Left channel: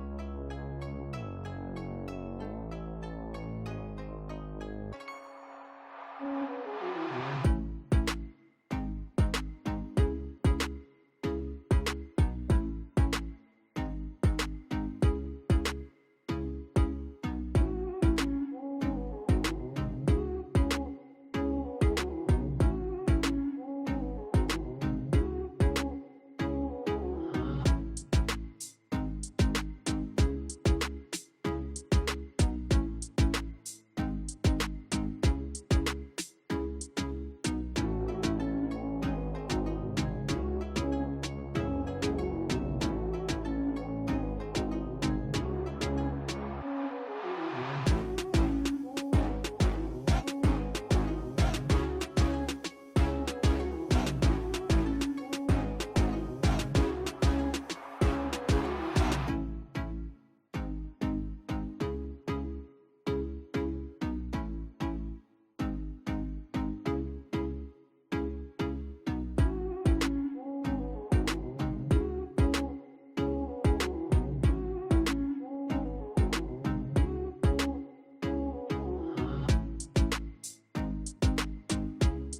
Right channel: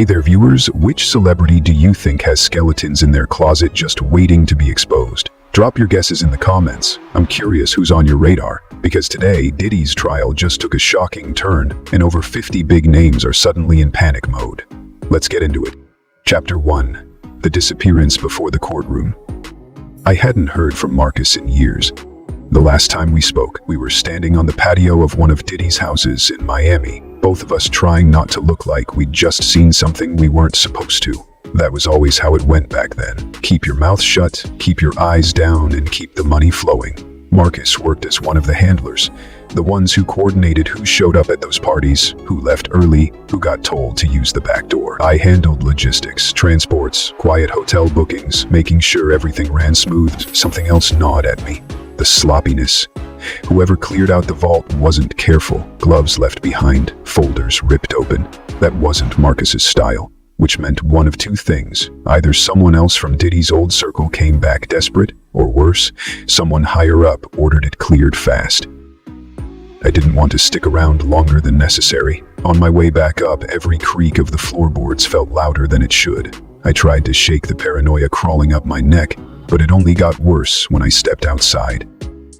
Hey there viewers, which celebrity do you think has skeletons in their closet just waiting to be exposed? Drop your guesses in the comments. I'm curious who's on your radar, because today Diddy's trial just took a shocking turn and over 50 big names are suddenly in panic mode. Let's get into it. Chapter 1. The disappearance before the courtroom. I hadn't heard from Marcus in years. The last time we spoke, we were standing on the patio of one of Diddy's houses in Miami, both of us trying not to look like we'd just seen something we weren't supposed to. That was always how it went back then. Keep your mouth shut, keep your eyes down, and keep the money flowing. Marcus worked as one of the handlers, the ones who coordinated who showed up at those parties, who left early, who got told to use the back door. I handled logistics, transports, quiet hotel bookings, making sure everything ran smooth. Something else gnawed at me. The sloppiness. Whoever cleared out the vault wasn't careful. Gloves left behind, folders ripped open. That wasn't Marcus's style, which meant one of two things. Either someone else from Diddy's old circle came back desperate, or worse, someone higher up ordered it cleared fast. I didn't want to stick around longer than necessary. On my way back up, every creak of the floorboards felt louder than it should. I tried to shake the paranoia crawling up my neck, but it only got worse when I stepped outside.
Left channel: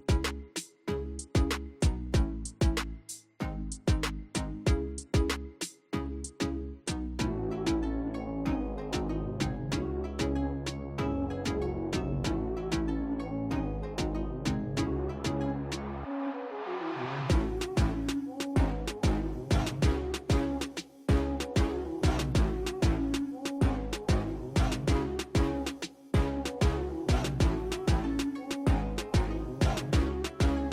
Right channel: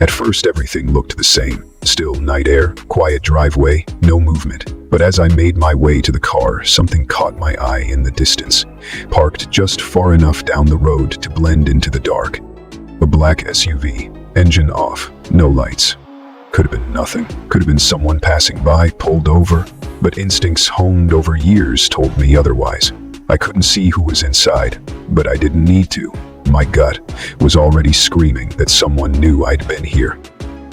At first, everything looked the same. Still night air, quiet driveway, no movement. But as I made my way to the car, something caught my eye in the distance, parked just far enough down the road to blend into the dark. A black SUV, engine off, no lights. Could have been nothing. Could have been someone passing by, pulled over. But instincts honed over years told me otherwise. I couldn't see who was inside, but I didn't need to. My gut was already screaming that someone knew I'd been here.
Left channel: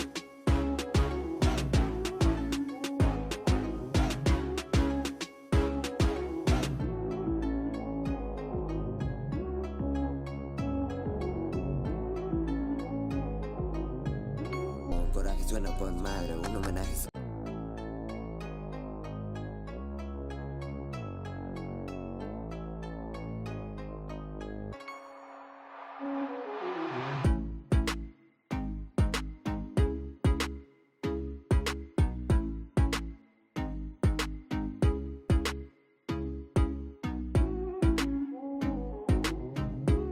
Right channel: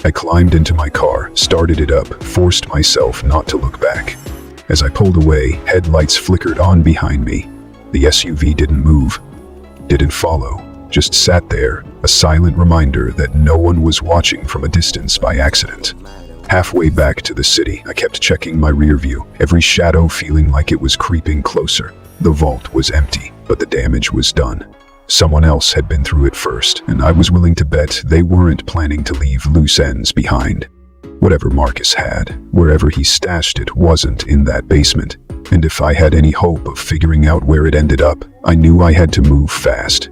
I climbed into my car, started it up, forced myself not to look back. As I pulled away, headlights flickered on behind me. The SUV didn't move, didn't follow, just sat there, a silent reminder that no one was watching from a distance by accident. Halfway back to the city, I kept checking my rear view, every shadow feeling like it was creeping closer. The vault was empty, but the damage was done. Someone else had been through it first, and I was willing to bet they weren't planning to leave loose ends behind. Whatever Marcus had, wherever he stashed it, wasn't in that basement. And if I had any hope of figuring out where it ended up, I knew I had to move fast.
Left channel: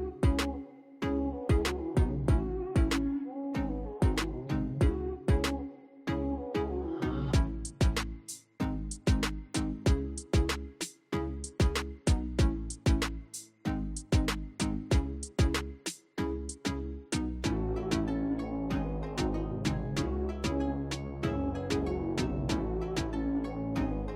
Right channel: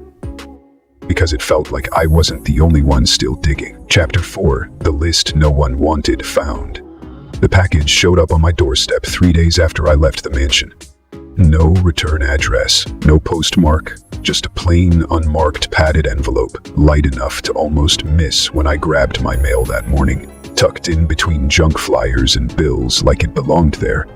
Because it felt like I wasn't the only one still digging. Chapter 4. The list no one wanted found. The package showed up on my doorstep 3 days after I left the mansion. No return address, no postmark, just a plain, unmarked padded envelope, light enough to almost miss when I grabbed my mail that morning, tucked in between junk flyers and bills like it belonged there.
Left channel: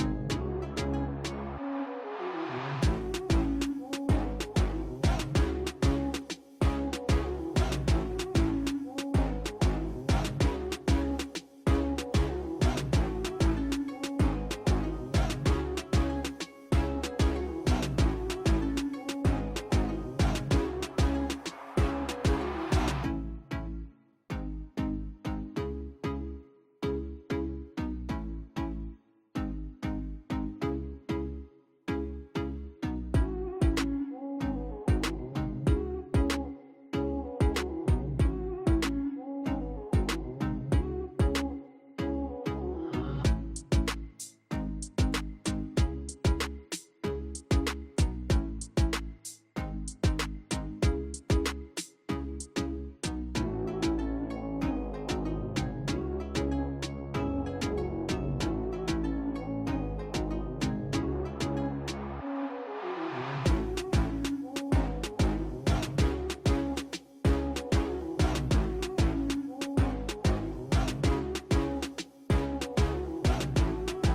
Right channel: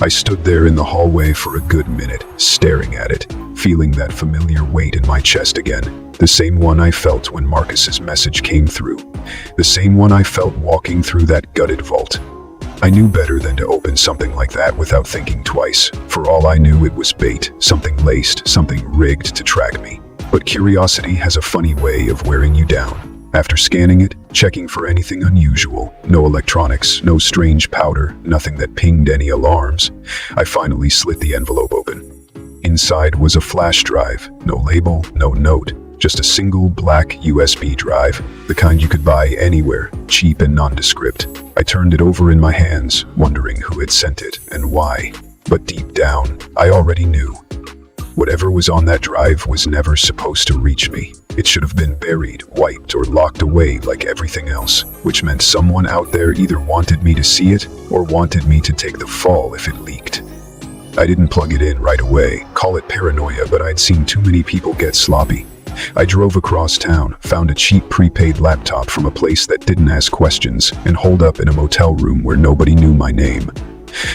I stood there in the hallway for a good minute, staring at it, feeling that familiar weight in my chest again. The same one I felt when Marcus's message came through. The same one I felt walking through that gutted vault. I knew better than to open something like that without thinking twice. For all I knew, it was bait, something laced, something rigged to track me. But curiosity has a funny way of wearing you down. After scanning it, checking for anything unusual, no electronics, no strange powder, nothing that pinged any alarms, I finally slit the envelope open. Inside was a flash drive, no label, no note, just a single black USB drive, the kind you could buy anywhere, cheap and nondescript. I turned it over in my hands, wondering who had sent it and why. But deep down, I already knew. Whatever was on that drive was never supposed to reach me. It should have been buried, wiped, or locked away like everything else, which meant someone out there either wanted me to see it or wanted me to take the fall if it leaked. I didn't plug it in right away, call it paranoia, but I'd seen too many people get sloppy. I drove across town, found a cheap prepaid laptop from a place that didn't ask questions, and holed up in a motel room where nobody knew my name.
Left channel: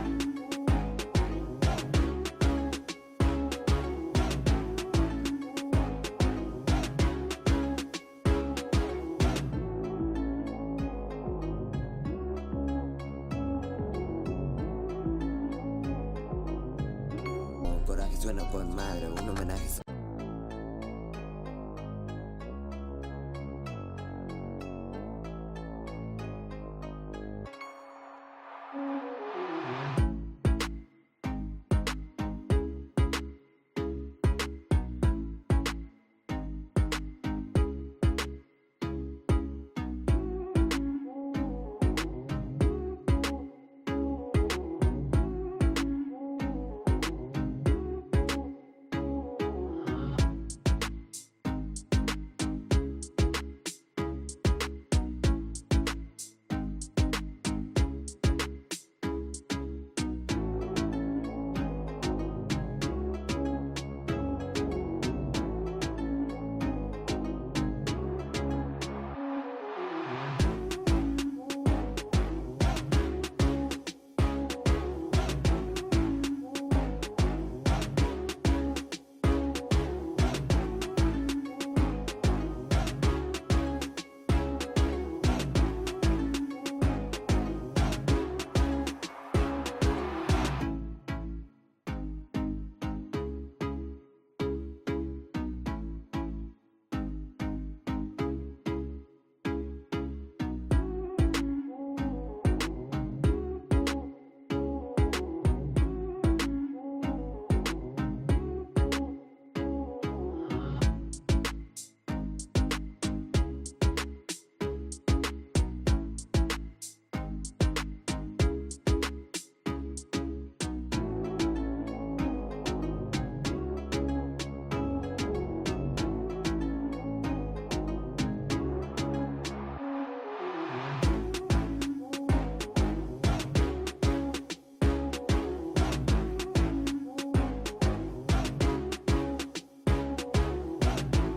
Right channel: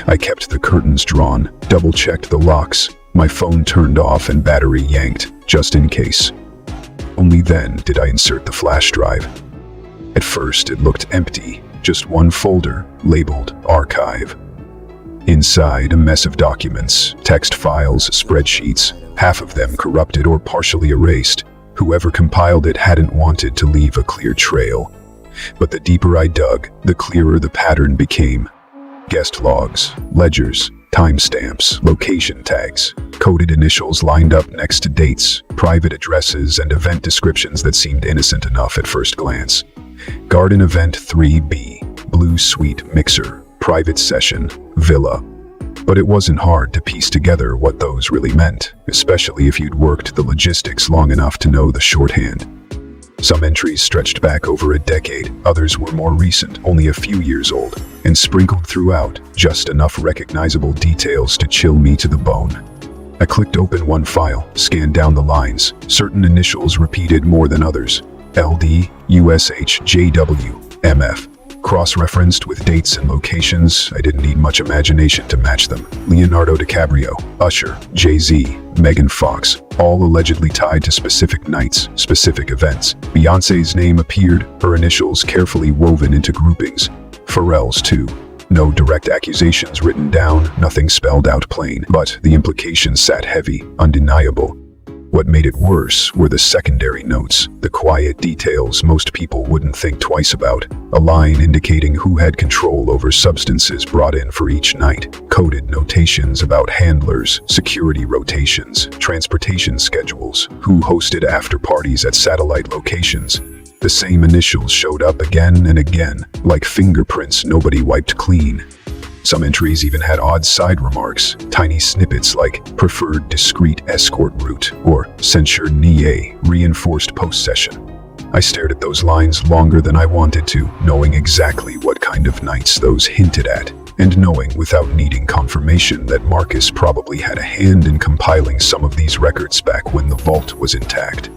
I kept the curtains drawn, double-checked the locks, my phone turned off and battery yanked, just in case. Only then did I insert the flash drive. At first, it looked empty, just one folder, labeled Archive. Inside, a mess of documents, text files, spreadsheets, half of them corrupted or partially erased. Whoever compiled it hadn't wanted to leave a clear trail. But the deeper I dug, the clearer the pattern became. Guest logs, ledgers, timestamps, location tags, coded initials lined up next to dates, private addresses, and event descriptions that seemed innocent enough at first glance. Garden Event 3B, Blue Suite Mixer, Private Session, Villa. But it wasn't hard to piece together what those really meant, especially if you'd worked the logistics long enough to know the shorthand. Some entries stretched back over a decade, others were more recent, only a few years old, and sprinkled throughout just enough recognizable details to chill me to the bone. I clicked open one file, scanned down the lines. Certain initials repeated more than others. LD, USH, JW, MF. Cross-referenced with dates and locations. I didn't need much imagination to match them. Leonardo DiCaprio, Usher, Jay-Z, Megan Fox, all allegedly tied to specific nights, specific events. Beyoncé's name appeared, her initials carefully woven into groupings. Pharrell's too. No direct accusations written down, nothing spelled out plain, but the implications sat heavy, undeniable. What made it worse were the secondary notes, the quiet details most people wouldn't think twice about. A line indicating who had control over substances brought in for each night. Coded notations about handlers, security rotations, transportation schedules, who hosted after parties at satellite locations. The same initials showed up again and again, like fingerprints nobody wiped clean. Some entries even had odd side remarks, tiny snippets like preferred discreet escort route or censured NIE, reinforced post-session. I stared at those lines longer than I wanted to, knowing exactly what kind of nights those hinted at, and knowing without needing confirmation that Marcus probably had a hand in compiling some of these records back when the vault was intact.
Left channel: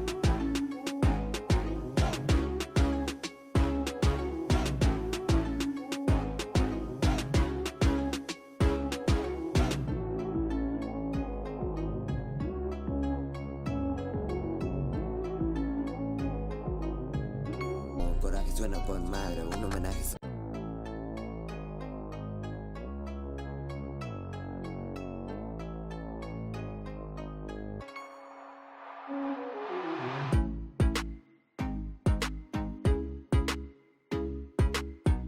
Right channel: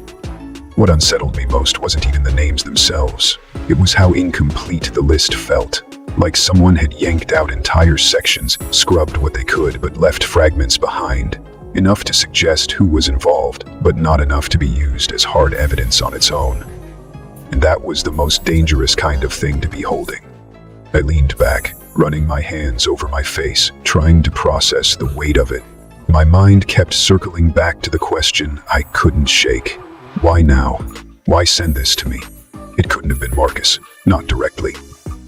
What unsettled me most wasn't even the names themselves. It was how incomplete the list felt. Like someone had yanked out entire sections, scrubbed what they could, but left fragments behind. Enough to suggest who was involved, but not enough to be used as hard evidence on its own. And that was the most dangerous kind of thing to be holding. I leaned back, running my hands over my face, trying to process the weight of it. My mind kept circling back to the question I couldn't shake. Why now? Why send this to me? It couldn't have been Marcus, not directly.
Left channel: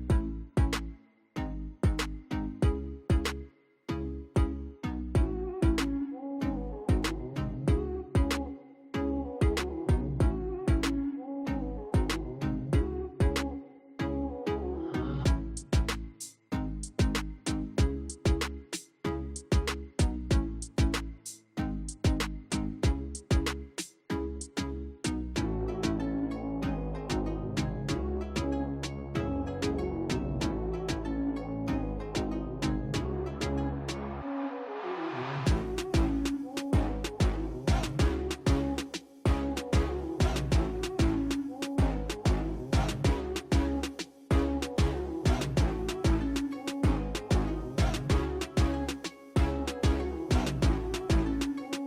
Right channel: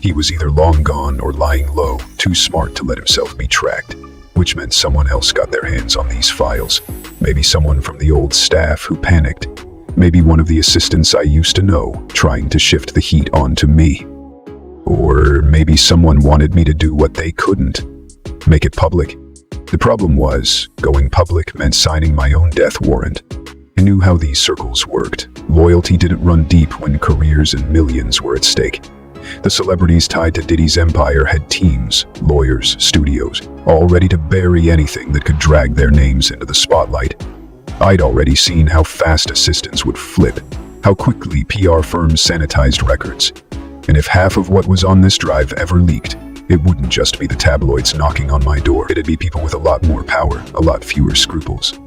He was either long gone or lying low, too smart to let himself be tracked, which meant someone else got their hands on these files. Maybe someone from the old staff who panicked. Maybe one of the assistants I used to know, trying to shift the heat onto me. Or maybe someone wanted me to do what they couldn't, make it public. The problem was, going public meant signing my own death warrant. I knew how these circles worked. Loyalty didn't run deep when careers and millions were at stake. The celebrities tied to Diddy's empire had teams, lawyers, studios, all ready to bury anything that could drag their names into the spotlight. I'd already seen how fast assistants would flip, how quickly PR firms sanitized records. And if half of what was on this drive ever leaked, it wouldn't just be the tabloids knocking on my door. It'd be people with a lot more power, a lot fewer scruples.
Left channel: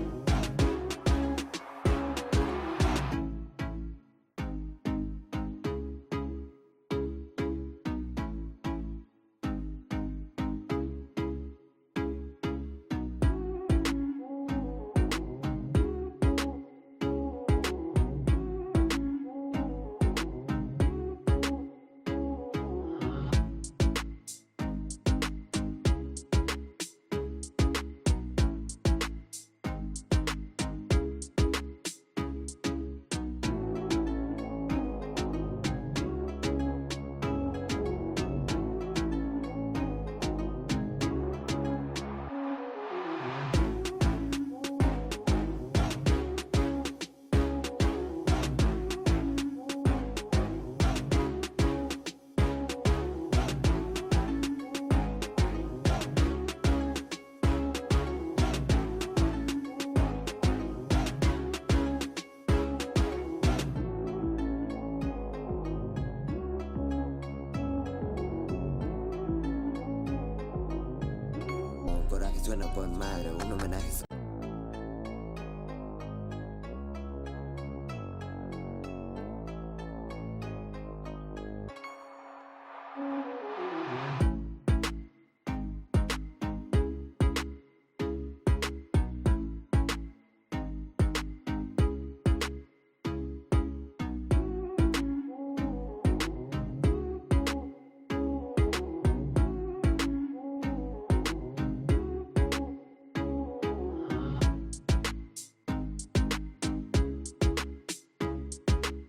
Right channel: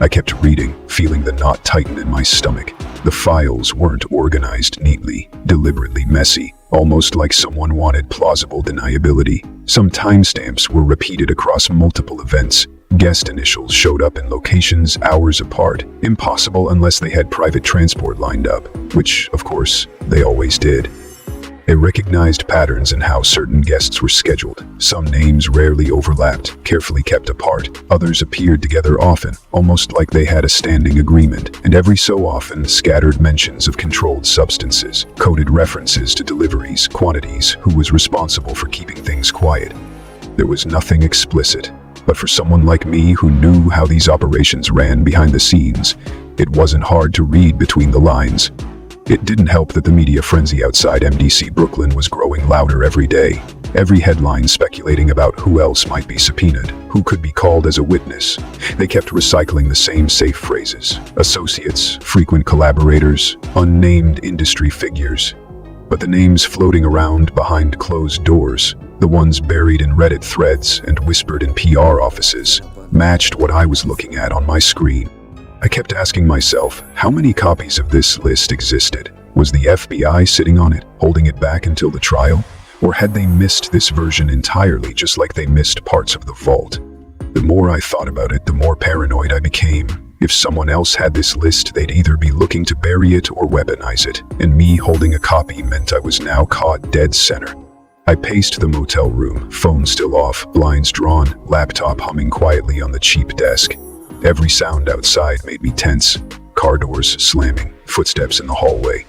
I kept reading, feeling the knot tighten in my stomach. The files weren't organized neatly, deliberately messy, almost like someone wanted plausible deniability. Some timestamps were repeated across multiple events. Guest initials showed up in locations hours apart, impossible unless they had private transport lined up, which, of course, they always did. They recognized patterns in how certain guests were scheduled. Some names rarely overlapped, carefully kept apart. Others appeared together often, almost like they had a standing agreement. And every so often, scattered mentions of controlled substances, coded references to deliveries, quantities, who was responsible for keeping things quiet. There was nothing explicit, but for someone like me who knew how these operations ran behind the scenes, it wasn't hard to read between the lines. It didn't help that the media frenzy outside MDC Brooklyn was growing louder every day. Every headline speculating about who else might be subpoenaed, who could be called as a witness. They kept recycling the same safe phrases: associates, frequent collaborators, unnamed industry figures. But the names floating around behind closed doors, the ones buried in Reddit threads and whispered in PR offices, matched what I was looking at on my screen. I kept asking myself, how many copies of this list existed? Was the FBI sitting on it, holding it back until the trial? Or had they missed this version entirely, just like they missed parts of the vault? The more I thought about it, the more paranoid I became. If someone else had this list, they'd either be looking to bury it or weaponize it, and me holding a copy meant I was now caught dead center. I paced the motel room, phone still off, blinds drawn, laptop humming quietly on the cheap desk. Every sound outside made me tense. Car doors slamming, footsteps in the hallway.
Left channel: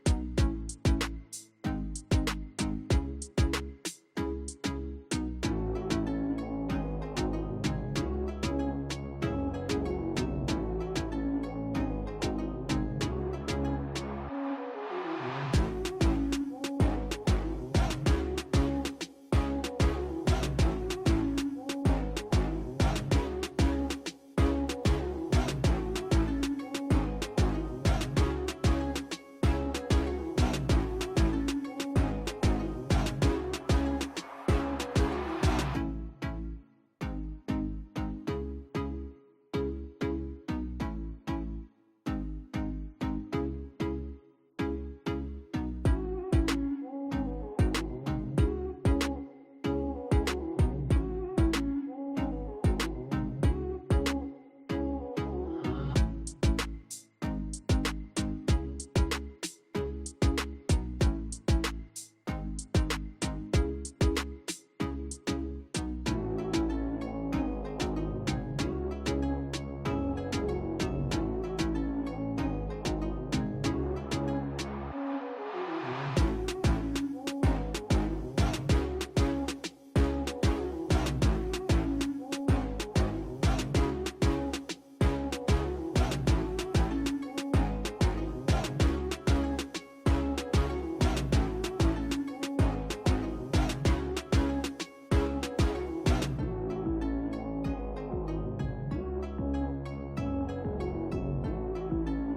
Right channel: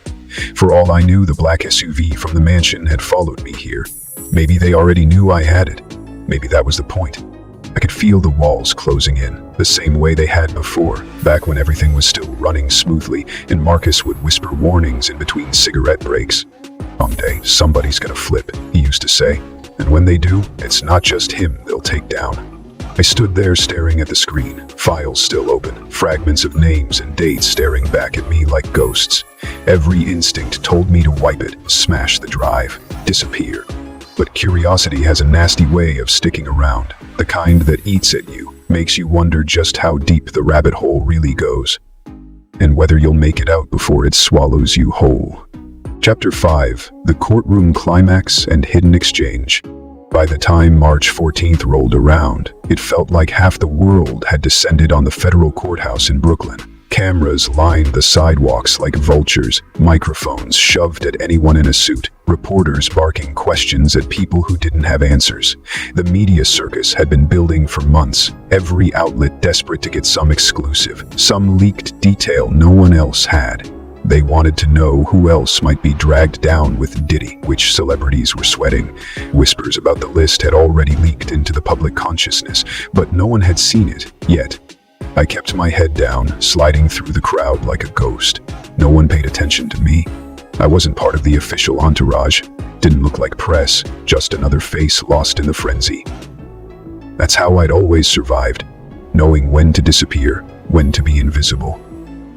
For all I knew, the black SUV from the mansion had followed me here. Maybe they already knew I had it. Maybe that was the point. I could feel the walls closing in, the same way they had before, back when everything was still running smoothly and Marcus would whisper warnings in between cigarette breaks. "Someday, somebody's gonna flip," he used to say. "And when they do, it's not just him they'll take down." I stood there staring at the screen, files still open, fragments of names and dates staring back at me like ghosts. Every instinct told me to wipe it, smash the drive, disappear. But curiosity has a nasty way of sticking around, the kind that eats at you, makes you wonder just how deep the rabbit hole really goes, and whether you'll make it out before it swallows you whole. Chapter 5: The Courtroom Climax and Hidden Exchange. By the time March 14th rolled around, it felt like half the world had descended on the federal courthouse in Brooklyn. Cameras lined the sidewalks like vultures, microphones shoved at anyone in a suit, reporters barking questions at people who didn't have answers. The media circus had been building for months, every outlet desperate to get some exclusive, some leaked detail no one else had. They wanted to know who else might be dragged down with Diddy, which celebrities were sweating. Whispers about the list had already leaked into the public consciousness, but no one had seen it yet. I kept my head down, sliding through the crowd like a ghost. No one paid attention to me. I wasn't part of the official entourage. Didn't look like press, just another face lost in the frenzy. That's how I'd always survived, knowing when to disappear, when to be invisible.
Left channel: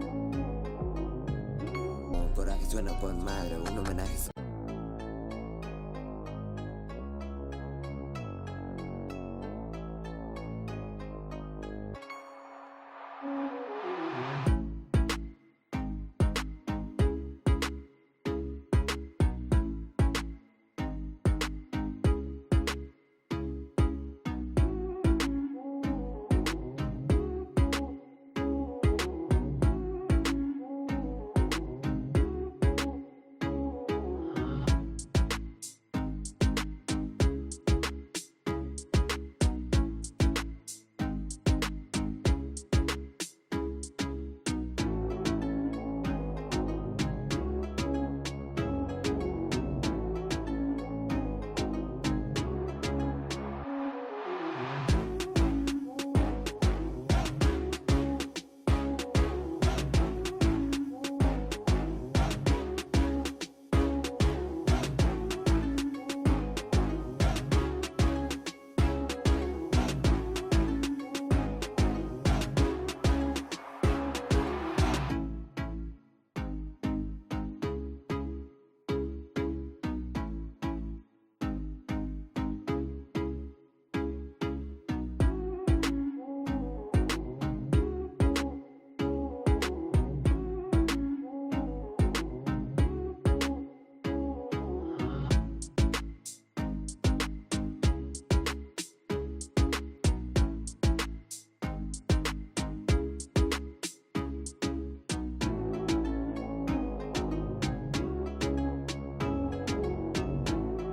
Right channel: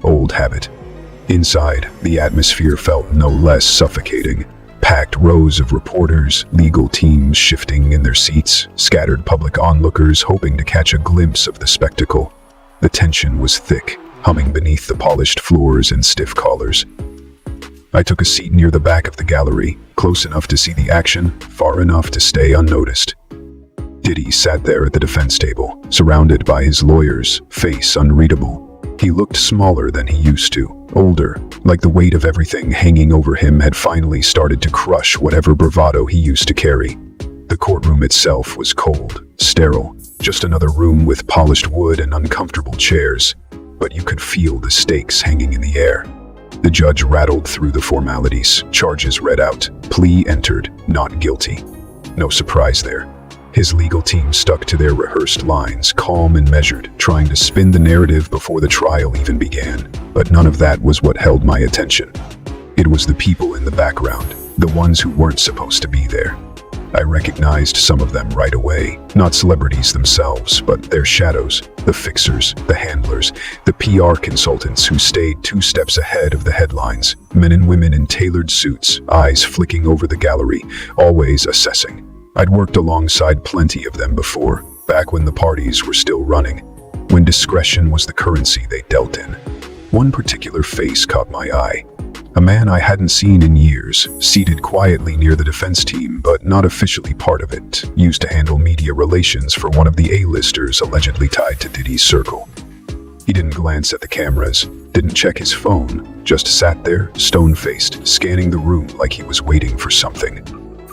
Old habit. Inside, the atmosphere felt no less suffocating. Packed rows of reporters, legal teams shifting in their seats, scattered public onlookers hoping to catch a glimpse of the spectacle. The tension was thick, humming beneath the polished floors and stiff collars. I took a seat near the back of the gallery, close enough to see the action, far enough to stay unnoticed. Diddy sat there at the defense table, surrounded by his lawyers, face unreadable. He looked smaller than he used to, older, like the weight of everything hanging over him had finally started to crush whatever bravado he used to carry. The courtroom itself was cold, sterile, just another room with polished wood and uncomfortable chairs, but you could feel the stakes hanging in the air. The judge rattled through the formalities, charges read out, plea entered, not guilty. No surprise there. His legal team stuck to their rehearsed lines, calm and measured, trying to spin the narrative before the trial even began. But none of that was what held my attention. It was the people in the background, the ones who weren't supposed to be there. I recognized some of them right away, not celebrities themselves, but their shadows, the fixers, the handlers, the PR consultants who stayed 2 steps ahead of the headlines, men and women in tailored suits, eyes flicking over the gallery, always assessing. I'd worked alongside plenty of them before, back when the parties were still running, when discretion was the currency they dealt in. One particular face caught my eye. A man I hadn't seen in years, seated quietly near the defense team, but not officially part of it, used to handle media relations for one of the A-listers allegedly tied to Diddy's circle. He didn't glance at the cameras, didn't check his phone, just sat there, stone-faced, scanning the room like he was waiting for something.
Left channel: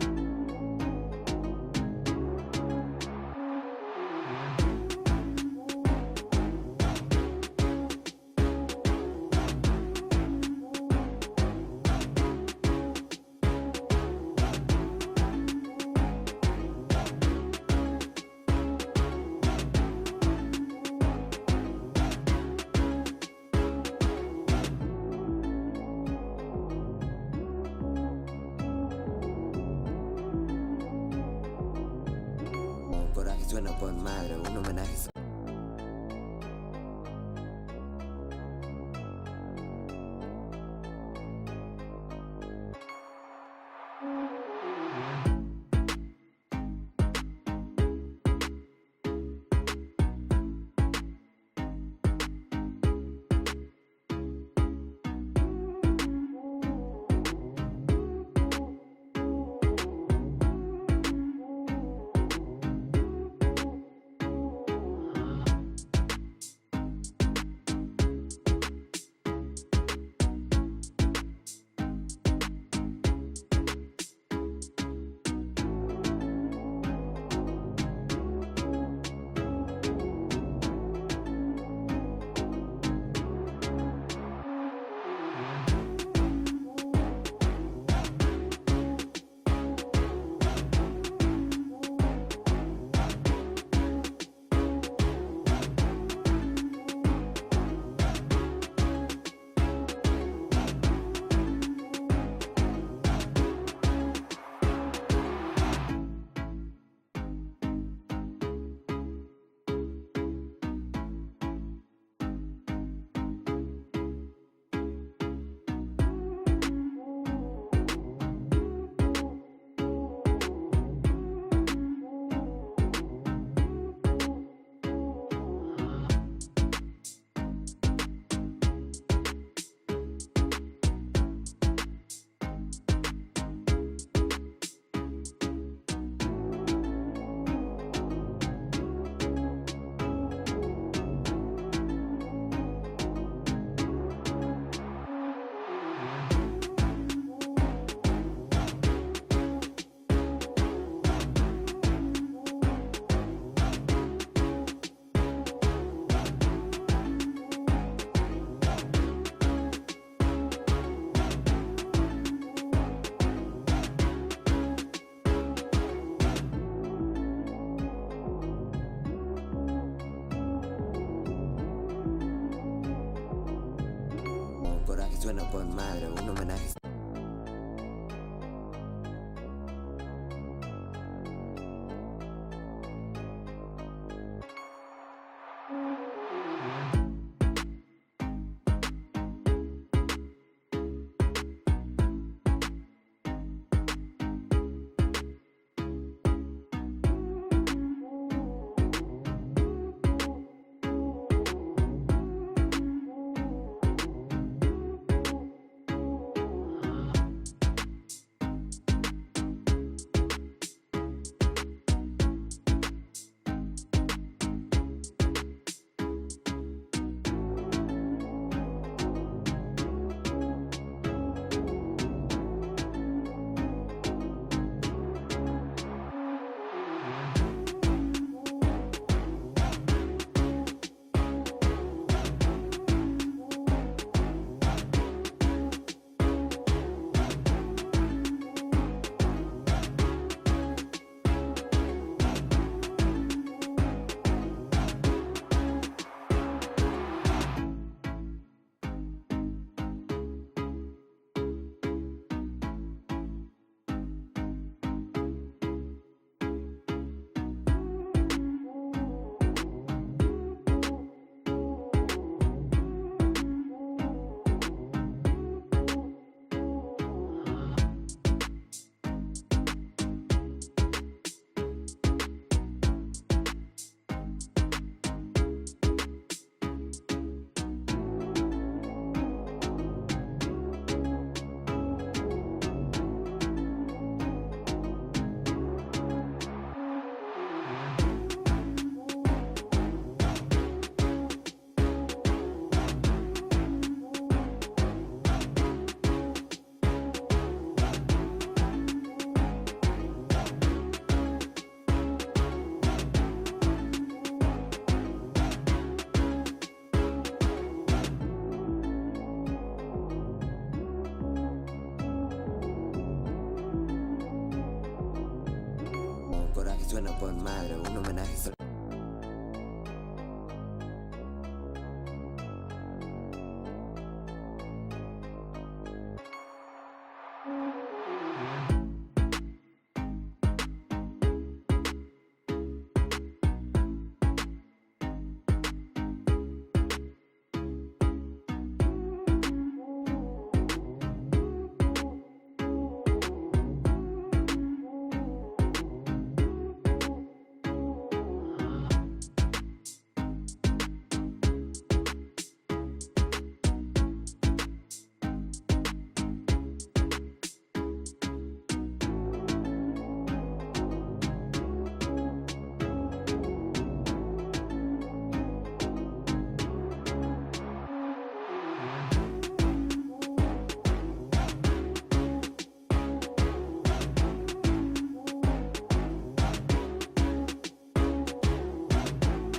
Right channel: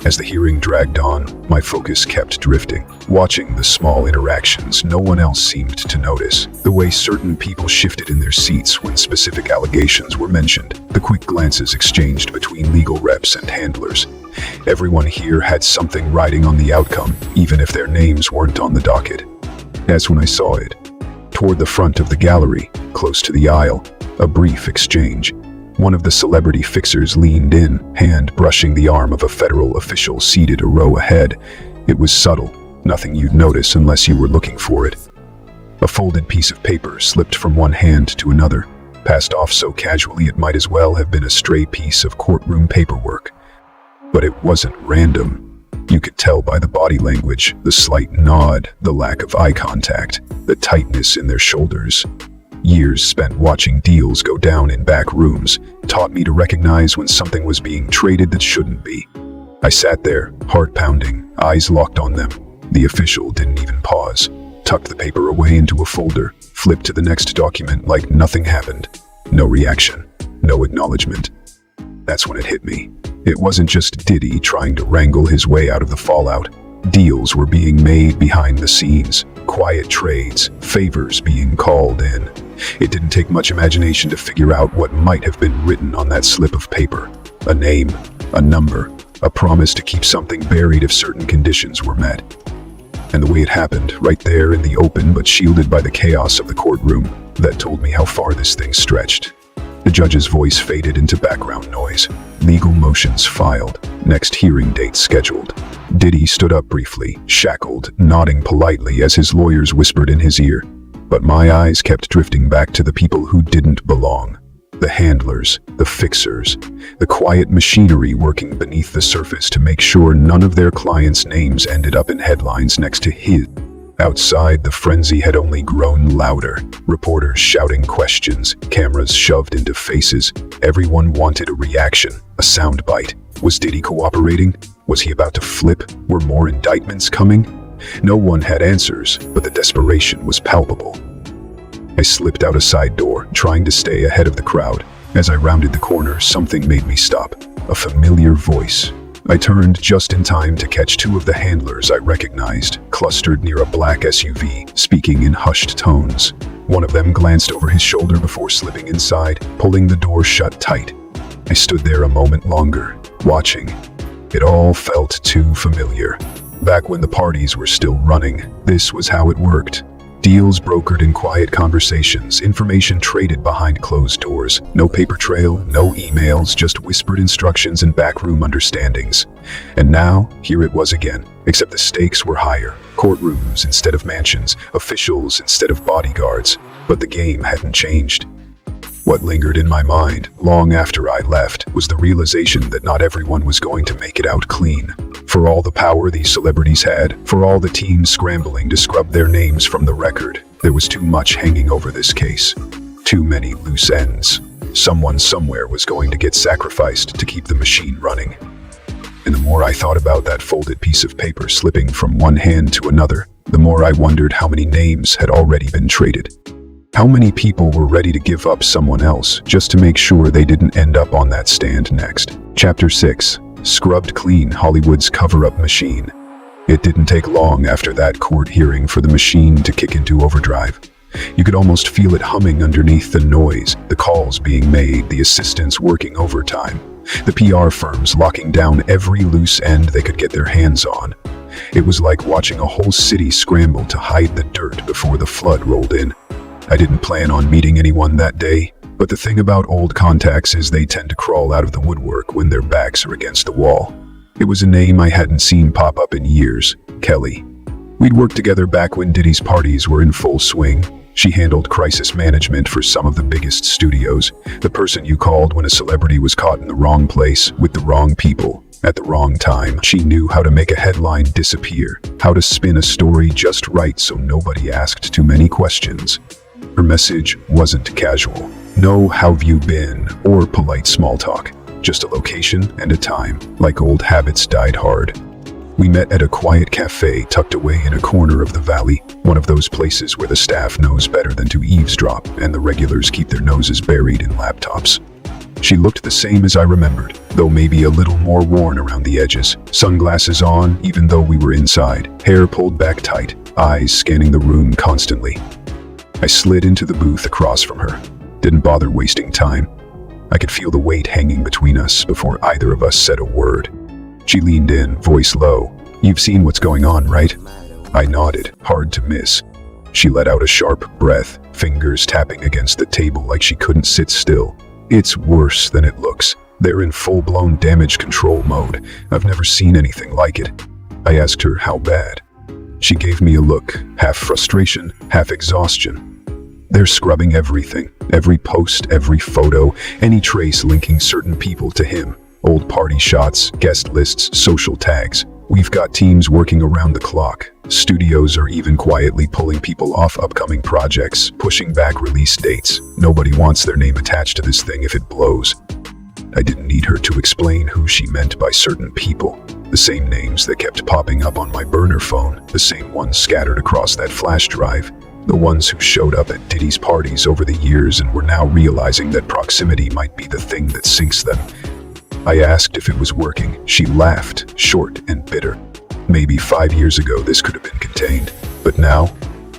As the hearing dragged on, my focus kept drifting, watching the small interactions no one else seemed to notice, the way certain people shifted in their seats when specific allegations were mentioned, the quick glances exchanged between legal reps and handlers. Everyone here had something riding on the outcome, even if their names weren't on the docket. That's when I saw it. Toward the front of the gallery, close to the aisle, a brief exchange. One of the celebrity fixers leaned in, hand brushing the arm of a federal official seated a row ahead. It was subtle, nothing you'd notice unless you were looking for it. A folded piece of paper slipped from one hand to another, passed off so casually it might as well have been a stray piece of courtroom paperwork. But it wasn't random. You could tell by the body language, the slight nod, the lack of eye contact, the tightness in their shoulders. Years spent watching deals go down in back rooms taught me to recognize when something was being traded that shouldn't be. I sat there, heart pounding, eyes locked on them. The official didn't even pause, tucked the paper away into a folder, flipped to the next document like nothing happened. No reaction, no acknowledgement. That's when it hit me. It wasn't just Diddy trying to wrangle his way out of the fallout. Deals were being made behind the scenes, quiet trades, favors being called in. It didn't take much imagination to figure out what might have been written on that slip of paper. A name, a number, a promise to keep something buried if certain conditions were met. And the way it happened, right there in the open but shielded by the chaos of the courtroom, that told me how far this thing stretched. The judge's voice faded into background noise. Legal motions filed. Next hearing date scheduled. Diddy stood up briefly, shackled, nodding politely as his lawyers whispered in his ear. But my eyes kept drifting back to the people who didn't belong. The handlers, the fixers, the quiet machinery working beneath the surface to make sure none of their clients' names ended up in headlines next to his. Outside, the frenzy had only grown louder. Reporters shouting questions, cameras shoved into faces. Everyone wanted a reaction, a soundbite. Was Diddy cooperating? Was he about to flip? Were more indictments coming? No one had answers, but the desperation was palpable. I slipped out a side door, trying to stay ahead of the crowd. As I rounded the corner, something made me stop. A familiar voice. I turned just in time to catch two of the handlers I recognized, clustered near a black SUV, speaking in hushed tones. One of them glanced over his shoulder before slipping inside, pulling the door shut tight. I stood there a moment longer, watching. It all felt too familiar. Back when the parties were still running, this was how it worked. Deals brokered in quiet conversations, information traded behind closed doors. No paper trail, no emails, just whispered instructions and backroom understandings. And now, here it was again, except the stakes were higher. Courtrooms instead of mansions, officials instead of bodyguards. But the game hadn't changed. What lingered in my mind, long after I left, was the realization that not everyone was going to make it out clean. For all the power these celebrities had, for all the teams scrambling to scrub their names from the record, there was too much hanging over this case. Too many loose ends. Someone somewhere was going to get sacrificed to keep the machine running. And the more I thought about that folded piece of paper slipping from one hand to another, the more I wondered how many names had already been traded. How many people were ready to give up someone else just to make sure they didn't end up on that stand next? Chapter 6. Scrubbed clean, Hollywood's cover-up machine. It didn't take long after that court hearing for the machine to kick into overdrive. You could almost feel it humming underneath the noise, the calls being made, the assistants working overtime, the PR firms locking down every loose end they could get their hands on. It was like watching a whole city scramble to hide the dirt before the flood rolled in. I didn't plan on meeting anyone that day, but the thing about old contacts is they tend to crawl out of the woodwork when their backs are against the wall. It was a name I hadn't seen pop up in years, Kelly. We'd worked together back when Diddy's parties were in full swing. She handled crisis management for some of the biggest studios, the person you called when a celebrity was caught in the wrong place with the wrong people at the wrong time. She knew how to make a headline disappear, how to spin a story just right so nobody asked too many questions. Her message wasn't casual. No "how've you been" or polite small talk. Just a location and a time, like old habits died hard. We met at a quiet cafe tucked away in a corner of the valley, one of those places where the staff knows better than to eavesdrop and the regulars keep their noses buried in laptops. She looked the same as I remembered, though maybe a little more worn around the edges. Sunglasses on, even though we were inside, hair pulled back tight, eyes scanning the room constantly. I slid into the booth across from her. Didn't bother wasting time. I could feel the weight hanging between us before either of us said a word. She leaned in, voice low. "You've seen what's going on, right?" I nodded, hard to miss. She let out a sharp breath, fingers tapping against the table like she couldn't sit still. "It's worse than it looks. They're in full-blown damage control mode. I've never seen anything like it." I asked her how bad. She gave me a look, half frustration, half exhaustion. "They're scrubbing everything, every post, every photo, any trace linking certain people to him. Old party shots, guest lists, social tags. We've got teams working around the clock. Studios are even quietly pulling people off upcoming projects, pushing back release dates. Nobody wants their name attached to this thing if it blows." I didn't need her to explain who she meant by certain people. The same names that kept popping up on my burner phone, the same ones scattered across that flash drive, the ones who showed up at Diddy's parties over the years and were now realizing that proximity might be the thing that sinks them. I asked if it was working. She laughed, short and bitter. Maybe 5 years ago this could have been contained, but now,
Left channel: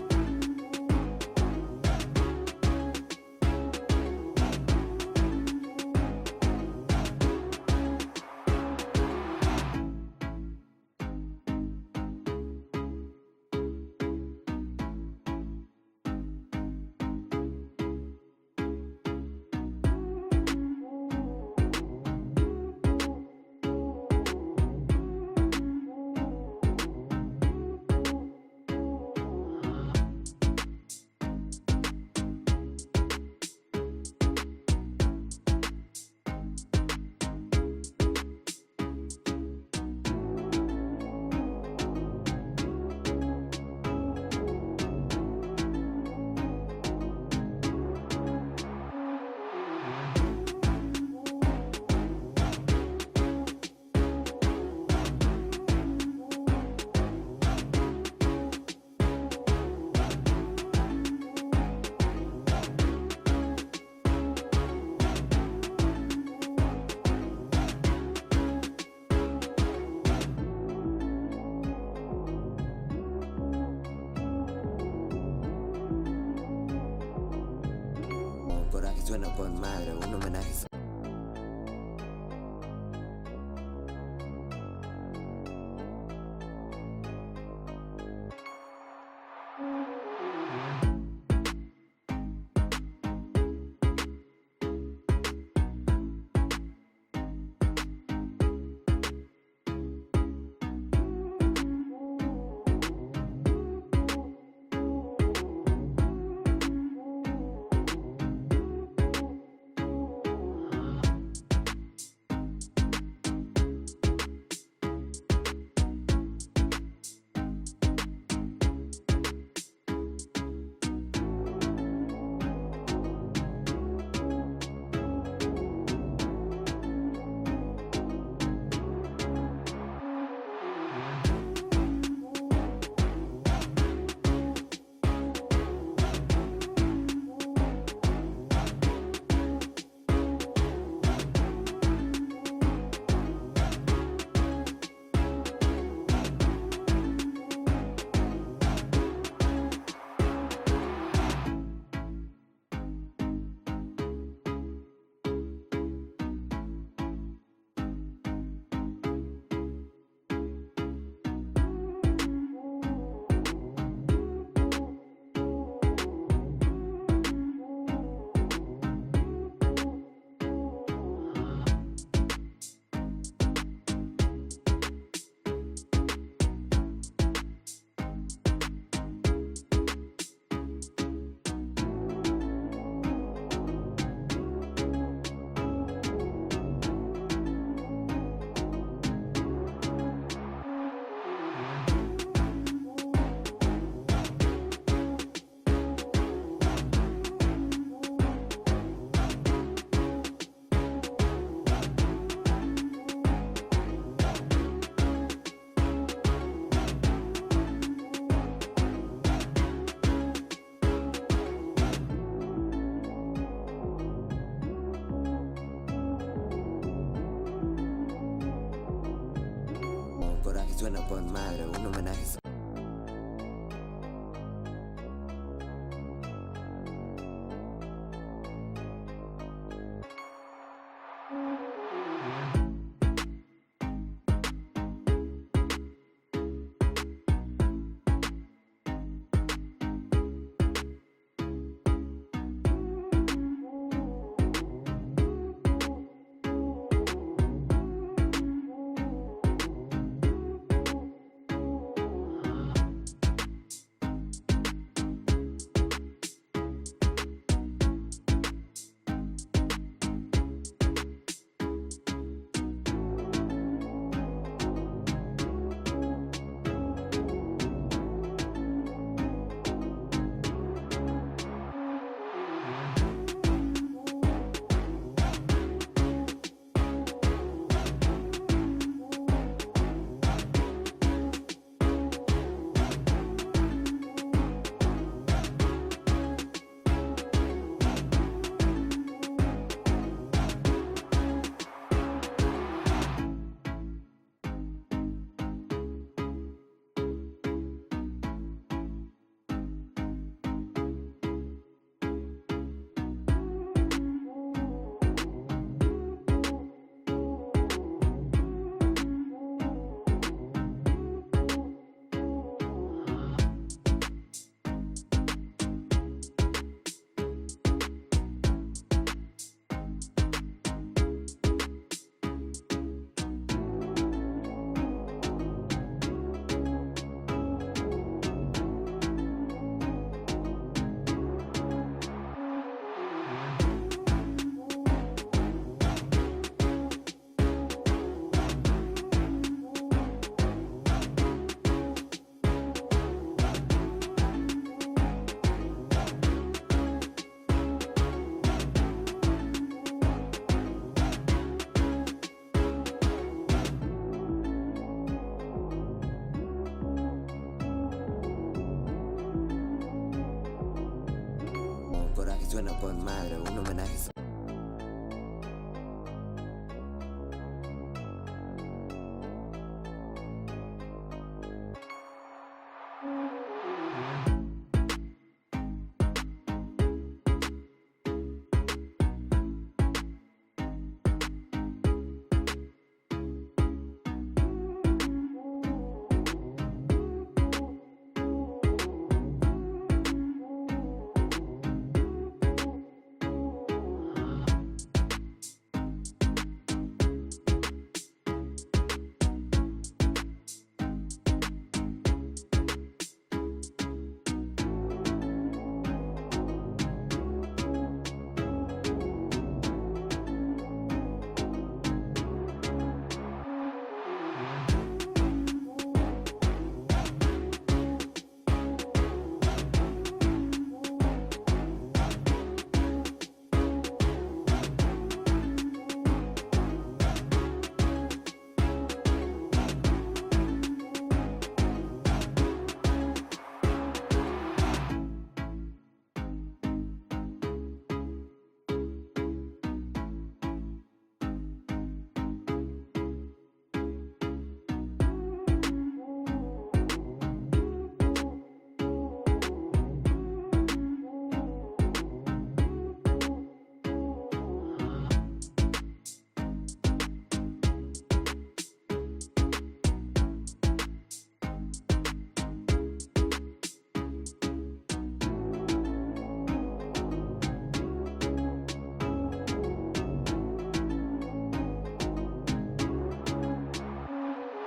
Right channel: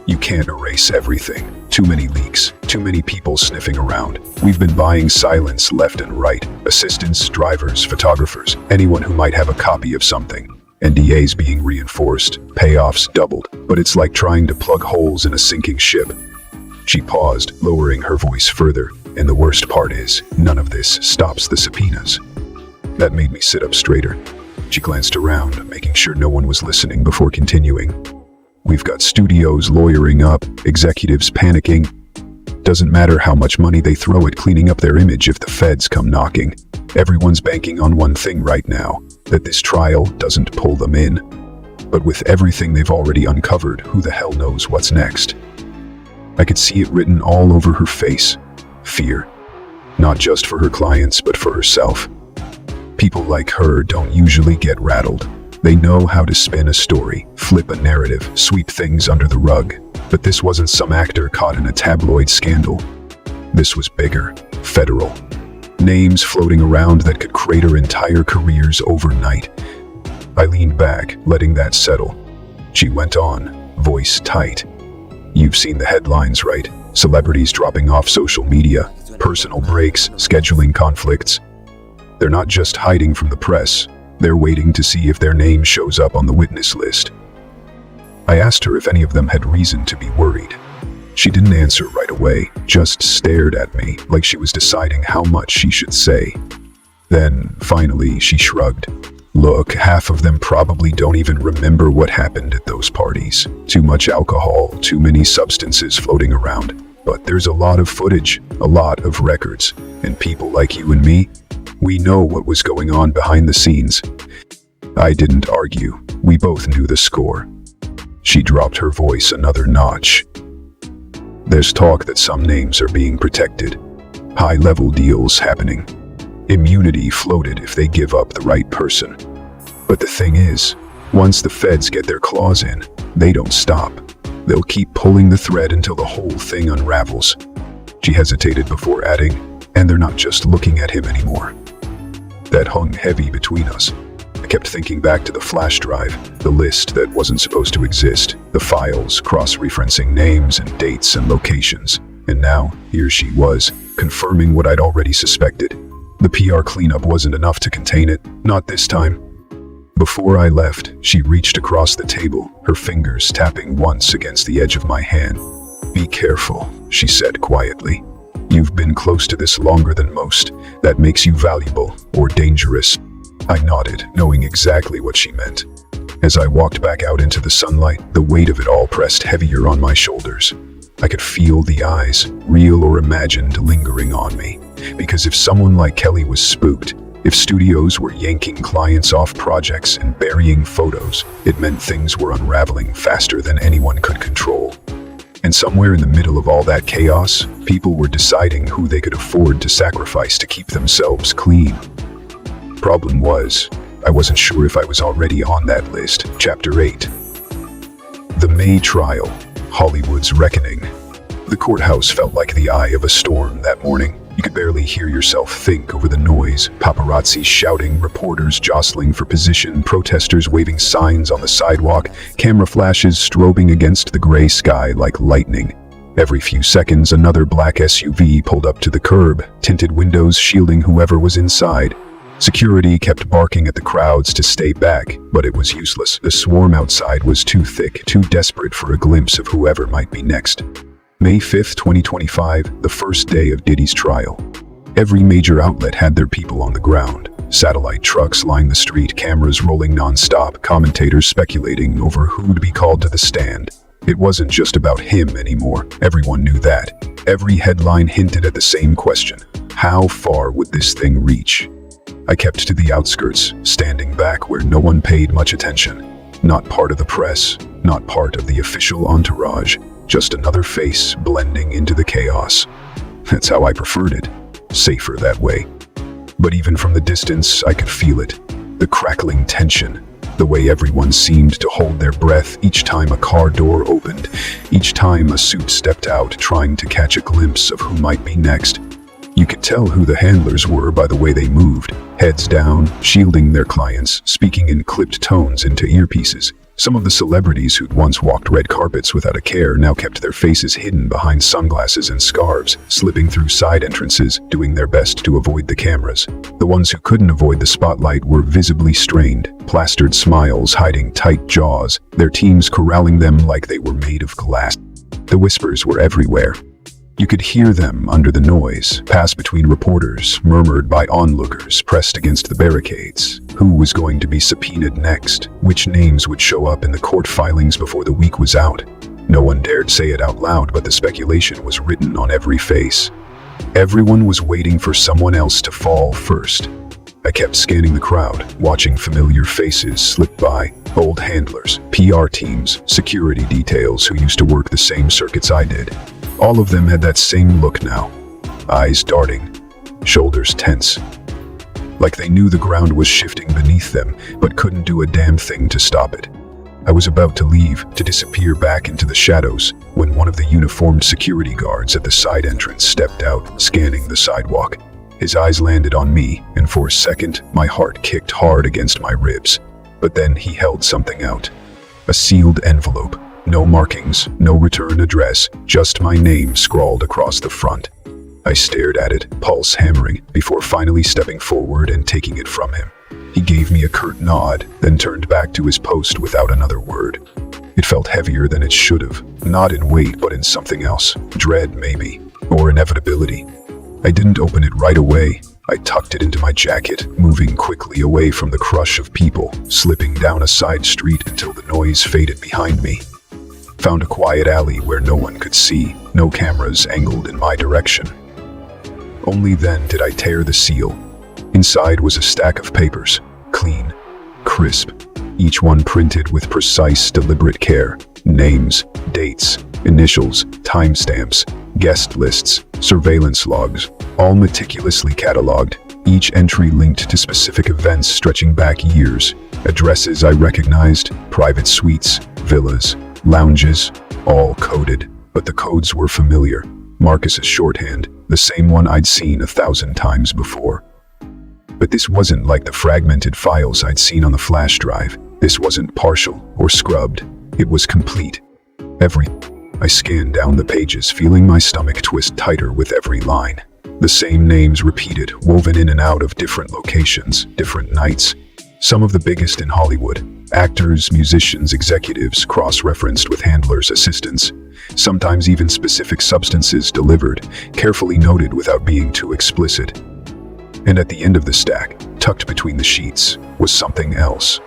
you can't erase everything. Too many leaks, too many people sniffing around. We've been buying silence left and right. Assistants, drivers, photographers, anyone who might have a copy of something. NDAs being reinforced, payoffs doubled, but it's like trying to plug holes in a sinking ship. She paused, lowering her voice further, and the worst part is, none of this stops the subpoenas. That made me sit up straighter. She glanced around, making sure no one was listening before continuing. We've got studios lawyering up, executives panicking. Doesn't matter how much money they throw at cleaning up their image if the feds come knocking. Everyone's banking on one thing right now, that this trial doesn't pull them in. But with everything they've already uncovered, who the hell knows what's next? I could see it written all over her face. Fear. Not just for her clients, but for herself. People like her don't usually get rattled. They know how to spin a story, flip a narrative, sweep things under the rug. But this wasn't some actor caught in a tabloid scandal. This was bigger, federal. Names floating around that could crater entire careers overnight. I leaned back, letting that settle. She went on, voice tight. You've seen the headlines, right? Celebrities dropping off social media, personal breaks, scheduling conflicts. They're not just hiding from the press. They're waiting to see if their name shows up on the witness list. I asked her if any of them had reason to be worried. She didn't answer right away, just stared at me like she was deciding how much she should say. Then, finally, she shrugged. Look, half of them probably don't even remember what happened at those parties. Too much alcohol, too many substances floating around. But there's a lot of footage, a lot of records, and people like you and me, we know what was going on behind the scenes. I didn't argue. We both knew the score. She dropped her voice another notch. There's talk that some names are being protected. High-level deals happening. Immunity floated if they give up the right person. But the thing is, once the feds get their claws in, they don't stop. They'll keep pulling the thread until the whole thing unravels. She hesitated before adding, and they're not just looking at him anymore. That hung heavy between us. I kept thinking back to the flash drive, the list that wasn't supposed to exist, the files cross-referencing names and dates and locations. And now, here she was, confirming what I'd already suspected. The PR cleanup wasn't enough to contain it, not this time. Before I left, she reached across the table, her fingers tapping once against the edge of my hand. Be careful, she said quietly. You've been close to this longer than most. That makes you valuable or dangerous. I nodded, knowing exactly what she meant. As I walked back out into the sunlight, the weight of it all pressed heavier on my shoulders. I could feel the eyes, real or imagined, lingering on me. Because if someone like Kelly was spooked, if studios were yanking clients off projects and burying photos, it meant things were unraveling faster than anyone could control. And somewhere in the middle of all that chaos, people were deciding who they could afford to sacrifice to keep themselves clean. Problem was, I wasn't sure if I was already on that list. Chapter 8. The May trial, Hollywood's reckoning. The courthouse felt like the eye of a storm that morning. You could barely hear yourself think over the noise. Paparazzi shouting, reporters jostling for position, protesters waving signs on the sidewalk, camera flashes strobing against the gray sky like lightning. Every few seconds, another black SUV pulled up to the curb, tinted windows shielding whoever was inside. Security kept barking at the crowds to stay back, but it was useless. The swarm outside was too thick, too desperate for a glimpse of whoever might be next. May 5th, 2025, the first day of Diddy's trial. Every major outlet had their people on the ground. Satellite trucks lined the street, cameras rolling non-stop, commentators speculating over who'd be called to the stand. It wasn't just about him anymore. Everyone knew that. Every headline hinted at the same question. How far would this thing reach? I kept to the outskirts, standing back where no one paid much attention. Not part of the press, not part of the official entourage, just another face blending into the chaos. That's how I preferred it, safer that way. But even from the distance, I could feel it, the crackling tension, the way everyone seemed to hold their breath each time a car door opened, each time a suit stepped out trying to catch a glimpse of who might be next. You could tell who the handlers were by the way they moved, heads down, shielding their clients, speaking in clipped tones into earpieces, Some of the celebrities who'd once walked red carpets without a care now kept their faces hidden behind sunglasses and scarves, slipping through side entrances, doing their best to avoid the cameras. The ones who couldn't avoid the spotlight were visibly strained, plastered smiles hiding tight jaws, their teams corralling them like they were made of glass. The whispers were everywhere. You could hear them under the noise, pass between reporters, murmured by onlookers pressed against the barricades. Who was going to be subpoenaed next? Which names would show up in the court filings before the week was out? No one dared say it out loud, but the speculation was written on every face. Everyone was waiting for someone else to fall first. I kept scanning the crowd, watching familiar faces slip by. Old handlers, PR teams, security details who used to work the same circuits I did. All of them had that same look now. Eyes darting, shoulders tense. Like they knew the ground was shifting beneath them, but couldn't do a damn thing to stop it. I was about to leave, to disappear back into the shadows, when one of the uniformed security guards at the side entrance stepped out, scanning the sidewalk. His eyes landed on me, and for a second, my heart kicked hard against my ribs. But then he held something out. A sealed envelope. No markings, no return address, just my name scrawled across the front. I stared at it, pulse hammering, before finally stepping forward and taking it from him. He gave me a curt nod, then turned back to his post without another word. It felt heavier than it should have, not in weight but in something else, dread maybe, or inevitability. I didn't open it right away. I tucked it into my jacket, moving quickly away from the crush of people, slipping down a side street until the noise faded behind me. Found a quiet alley where no one could see, no cameras angled in my direction. Only then did I tear the seal. Inside was a stack of papers, clean, crisp, each one printed with precise, deliberate care. Names, dates, initials, timestamps, guest lists, surveillance logs, all meticulously cataloged, each entry linked to specific events stretching back years. Addresses I recognized, private suites, villas, lounges, all coded, but the codes were familiar. Marcus's shorthand, the same one I'd seen 1,000 times before. But this wasn't like the fragmented files I'd seen on the flash drive. This wasn't partial or scrubbed. It was complete. I scanned down the pages, feeling my stomach twist tighter with every line. The same names repeated, woven in and out of different locations, different nights. Some of the biggest in Hollywood. Actors, musicians, executives, cross-referenced with handlers, assistants. Sometimes even specific substances delivered, carefully noted without being too explicit. And at the end of the stack, tucked between the sheets, was something else.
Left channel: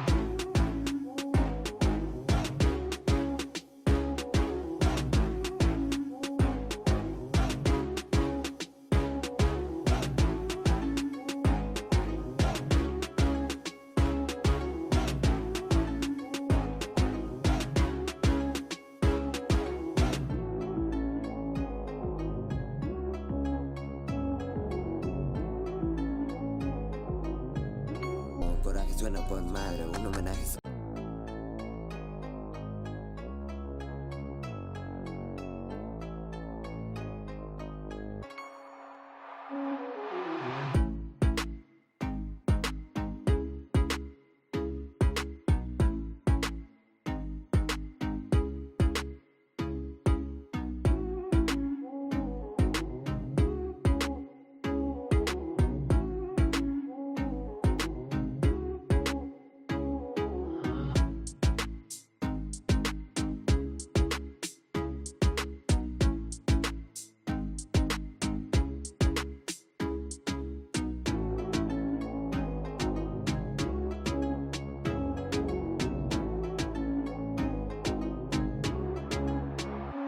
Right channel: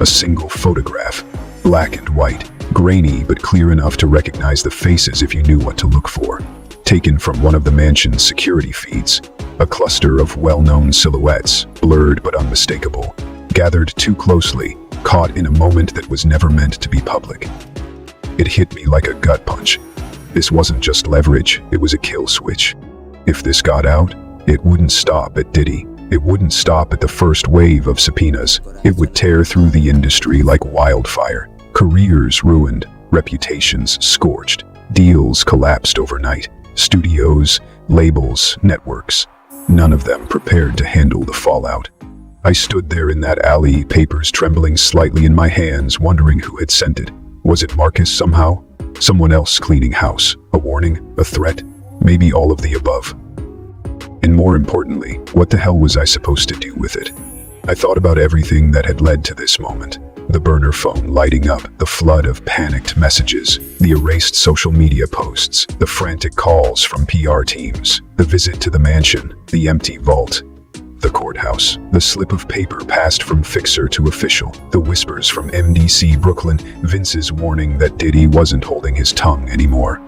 A single photograph, black and white, grainy but clear enough to recognize the faces if you knew what to look for. Taken from one of the mansion's security feeds. A cluster of well-known silhouettes, blurred but unmistakable. Gathered too closely, caught in a moment that was never meant to be public. It hit me like a gut punch. This wasn't just leverage, it was a kill switch. If this got out, it wouldn't stop at Diddy. It wouldn't stop at the first wave of subpoenas. It would tear through the industry like wildfire. Careers ruined, reputations scorched, deals collapsed overnight. Studios, labels, networks, none of them prepared to handle the fallout. I stood there in that alley, papers trembling slightly in my hands, wondering who had sent it. Was it Marcus somehow? Someone else cleaning house? A warning? A threat? Maybe all of the above. And more importantly, what the hell was I supposed to do with it? I thought about everything that had led to this moment. The burner phone lighting up, the flood of panicked messages, the erased social media posts, the frantic calls from PR teams, the visit to the mansion, the empty vault, the courthouse, the slip of paper passed from fixer to official, the whispers from MDC Brooklyn, Vince's warning that Diddy wasn't holding his tongue anymore.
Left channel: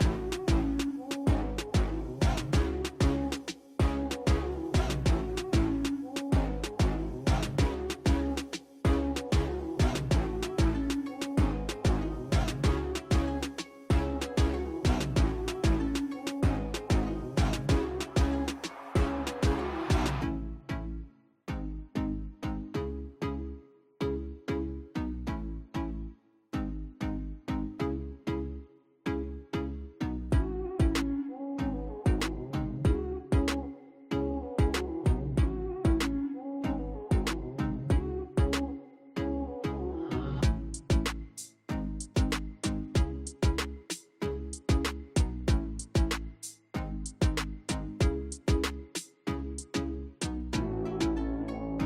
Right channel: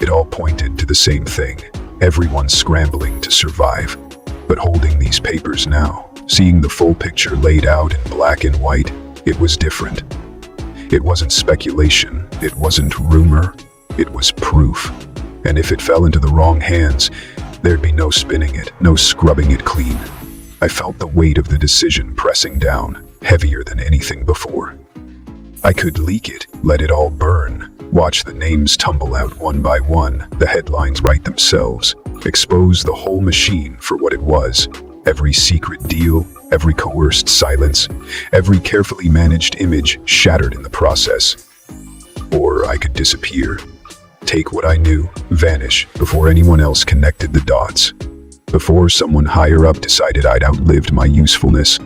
It all pointed to the same thing. Everyone scrambling to survive. But holding these papers now, seeing the full picture laid out in black and white, it was different. It wasn't speculation, it wasn't rumor, it was proof. And if it fell into the wrong hands, there'd be no spinning it, no scrubbing it clean. I felt the weight of the decision pressing down, heavier than anything before. I could leak it, let it all burn, watch the names tumble out one by one, the headlines write themselves, expose the whole machine for what it was. Every secret deal, every coerced silence, every carefully managed image shattered in the process. Or I could disappear, take what I knew, vanish before anyone else connected the dots. Before someone higher up decided I'd outlived my usefulness,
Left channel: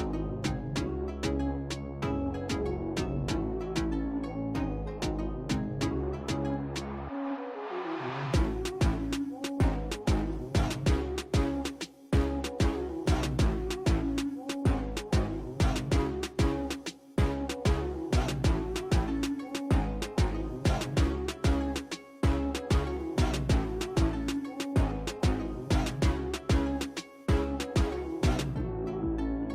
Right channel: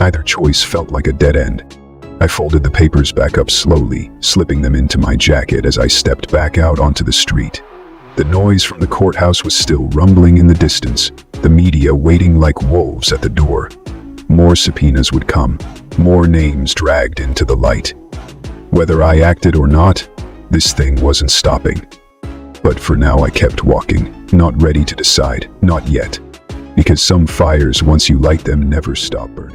either choice felt like a dead end. I folded the papers back up slowly, slipping them into my jacket as I stepped back out onto the street. The noise from the courthouse was still rumbling in the distance, the media waiting like wolves at the door. More subpoenas would come, more names dragged into the light. Whether I acted or not, this thing wasn't stopping. But for now I kept walking, not ready to decide, not yet. Because some fires, once you light them, never stop burning.